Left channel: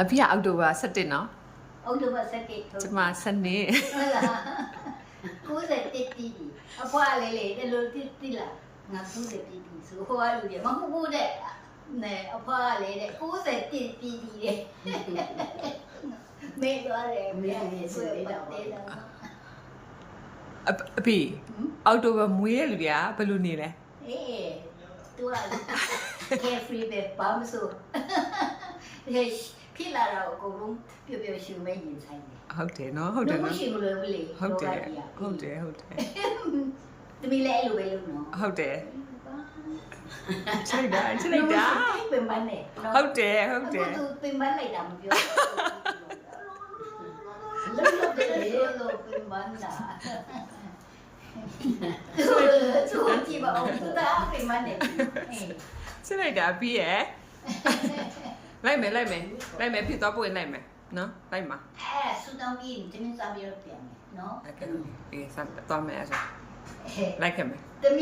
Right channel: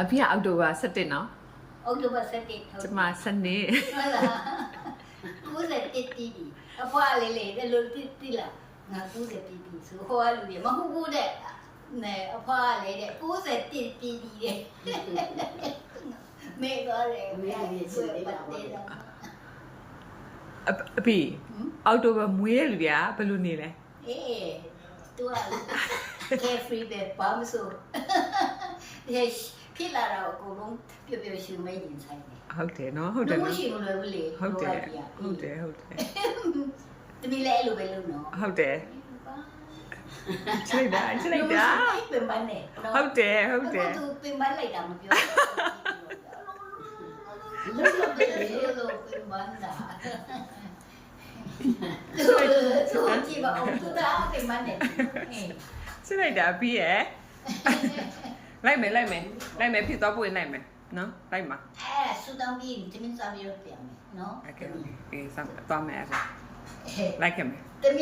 အဖေကအောက်တိုဘာ17နော် အောက်တိုဘာ17 ကျမစနေ ဟုတ်လား90တီတီအဖွားလေးလေးတယ်လို့တီလာငါ90တီတီဆိုဟိုကလူတွေမဟုတ်ဘူးတဲ့နဲအဖွားလေးတဲ့90တီတီတဲ့မေတော့တယ်မေဆိုပတ်တယ် အဖေအောက်တိုဘာမွေးတဲ့လူတွေကဘယ်လိုနေလဲ အေးတူက carefree ပဲဘာမဆိုဖြစ်လာတော့အကုန်လုံးပျော်ပျော်ရွှင်မဲရင်ဆိုင်တယ် ဟုတ်တယ်နော်ဟုတ်တယ်နော် ရှိမလို့ဘူးလေ ဟုတ်တယ်ဟုတ်တယ်ဟုတ်တယ် သမီးလည်းအဲ့လိုပဲလုပ်နော် ဟုတ်တယ်ချစ်လိုက်တာ ပင်ပန်းနဲ့ ဟုတ်တယ်ဟုတ်တယ် သူပင်ပန်းလိုက်တာမပြောလုံးလုံးပဲလို့ပင်ပန်းတာသူကြည့်ပါဦးသူတာပင်ပန်းနေ ချစ်လိုက်တာပြီးရယ်လိုက်မယ်ဖြစ်သွားပို့ရင်လိုက်မယ်နော်လိုက်မှာ အဲဆူတောင်းပြီးတင်းစားပြီးတော့ပြန်မယ်နော် โอเคအေးစမ်းသွားမယ်အဲ့ဒါလိုက်ခဲ့မယ်